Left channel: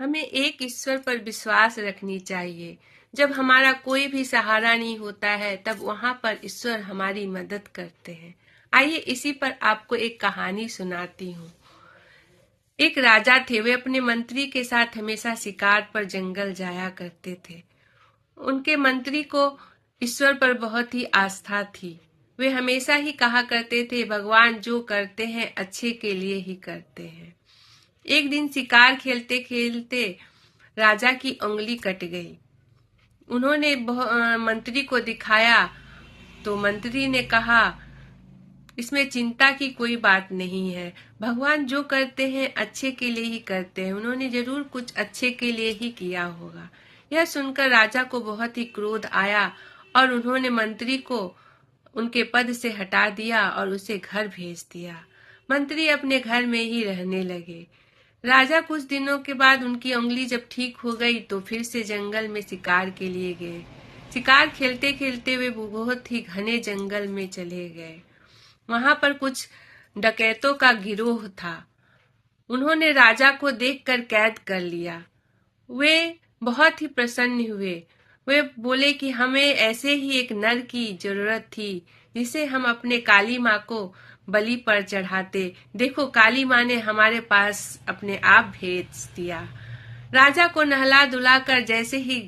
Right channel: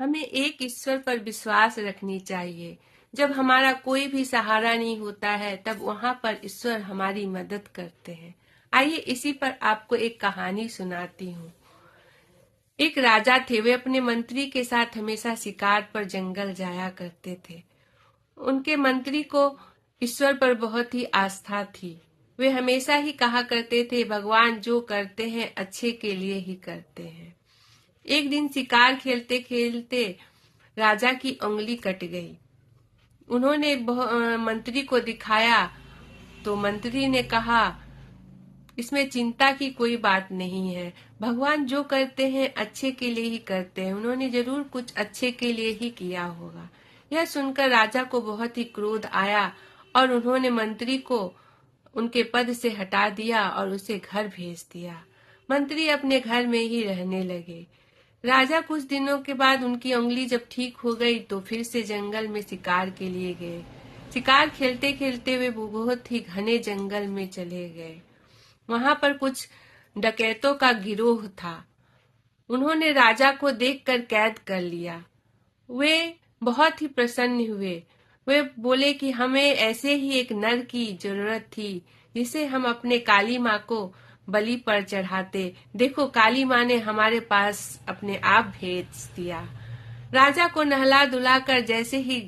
हमें एक ईश्वर पर विश्वास रखनी चाहिए। जब हमारा कोई भी सहारा नहीं होता है तब वहाँ पर ईश्वर हमारी मदद करते हैं। आइए इसी पर आपको एक कहानी सुनाती हूँ। एक राजा थे। वे अपने मंत्री के साथ हमेशा शिकार पर जंगल जाया करते थे। उनके मंत्री को ईश्वर पर बहुत ही आस्था थी। वे हमेशा ही कहा करते थे, भगवान जो करते हैं अच्छे के लिए ही करते हैं। एक दिन शिकार खेलते खेलते राजा की उंगली कट गई। उन्होंने मंत्री को दिखाया तो मंत्री ने कहा, इसमें चिंता की कोई बात नहीं है, भगवान जो करते हैं अच्छे के लिए ही करते हैं, उन्होंने जरूर कुछ अच्छे के लिए ही किया होगा। यह सुनकर राजा को बहुत ही क्रोध आया और उन्होंने मंत्री को उनके पद से हटा दिया और उसे घर भेज दिया। मंत्री अपने घर में ही रहने लगे। राजा कुछ दिनों के बाद उनकी उंगली जब ठीक हो गई तो फिर से जंगल में शिकार के लिए गए। शिकार खेलते खेलते वे बहुत ही घने जंगल में चले गए। वहां पर कुछ डकैतों का गिरोह था। उन्होंने राजा को देखकर कैद कर लिया। वे बहुत ही प्रसन्न हुए। वे बोले कि हमें ऐसे ही एक नर की जरूरत थी जिसे हम अपने काली माँ को बलि पर चढ़ाते। देखो, काली माँ ने हमारे पास अपने आप भेज दिया। राजा को नहला धुलाकर जैसे ही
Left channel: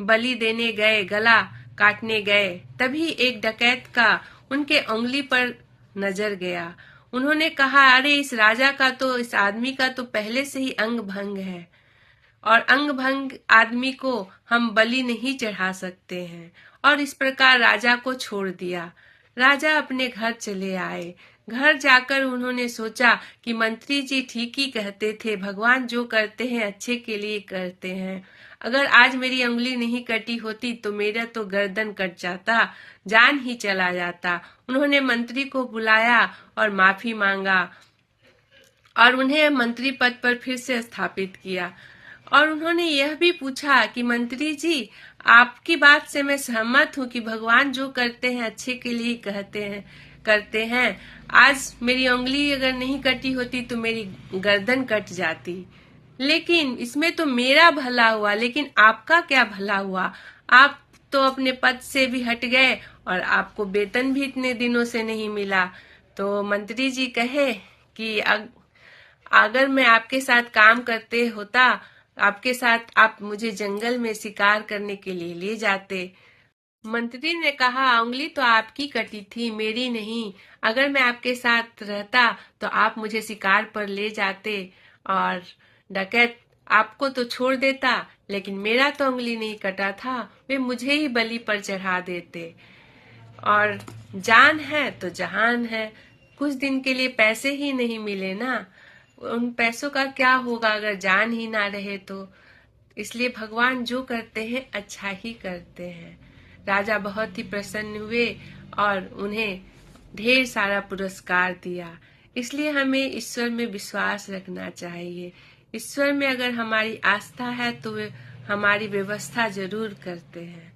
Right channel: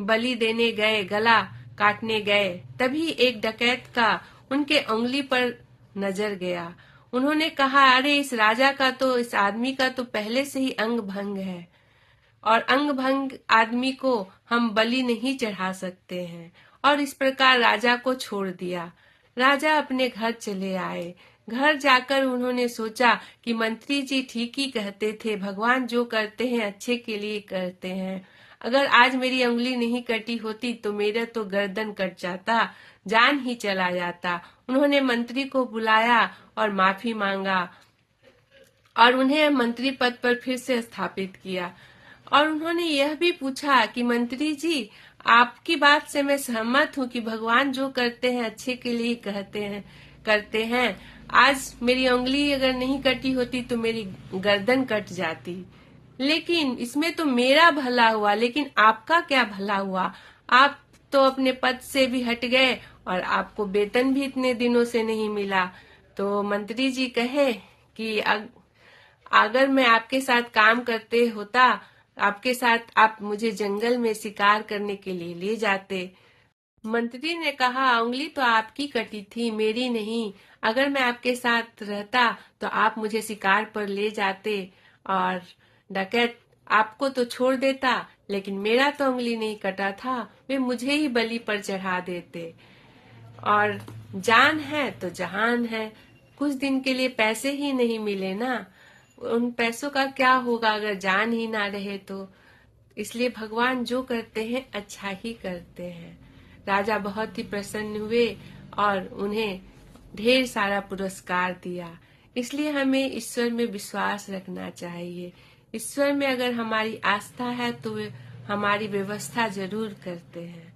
बलि देने गए, गला काटने गए, तभी एक डकैत का उनके उंगली पर नजर गया। उन्होंने कहा, अरे इस आदमी का तो पहले से ही अंग भंग है और अंग भंग आदमी को हम बलि नहीं चढ़ा सकते हैं। और इस प्रकार राजा को छोड़ दिया। राजा अपने घर चले आए। घर जाकर उन्होंने सोचा कि मंत्री जी ठीक ही कहते थे, भगवान जो करते हैं अच्छे के लिए करते हैं। अगर आज मेरी उंगली नहीं कटी होती तो मेरा तो गर्दन कट जाता, जान ही चला जाता। उन्होंने मंत्री को बुलाया और माफी मांगा और उन्हें मंत्री पद पर फिर से स्थापित किया। और उन्होंने यह भी पूछा कि मंत्री जी, आपकी बात से मैं सहमत हूँ कि भगवान जो करते हैं अच्छे के लिए करते हैं। आज मेरी उंगली अगर नहीं कटी होती तो मेरी गर्दन कट जाती, लेकिन इसमें तो मेरा भला हुआ, लेकिन आपका क्या भला हुआ? आप तो अपने पद से भी हट गए और आपको वेतन भी इतने दिनों से नहीं मिला। तो मंत्री जी कहे कि अगर मैं आपके साथ काम करते होता, आपके साथ आप मुझे जंगल में शिकार करने के लिए ले जाते। मंत्री ने कहा, उंगली तो आपकी कटी थी, मेरी नहीं। अगर मैं आपके साथ रहता तो आप मुझे शिकार पर ले जाते और डकैत आपको तो छोड़ देता, लेकिन मेरा तो उंगली नहीं कटा था, वे मुझे ही बलि पर चढ़ा देते। और जान है तो जहान है। कुछ दिन के लिए पैसे ही नहीं मिले ना, उन पैसों का क्या होगा अगर जान ही ना रहे तो। इसलिए भगवान जो करते हैं अच्छा ही करते हैं। राजा बहुत ही प्रसन्न हुए और उन्हें ढेर सारा पुरस्कार दिया। इसलिए हमें ईश्वर में विश्वास रखना चाहिए। ईश्वर में अगर हमारी आस्था है तो वे हमारी व्यवस्था जरूर करते हैं।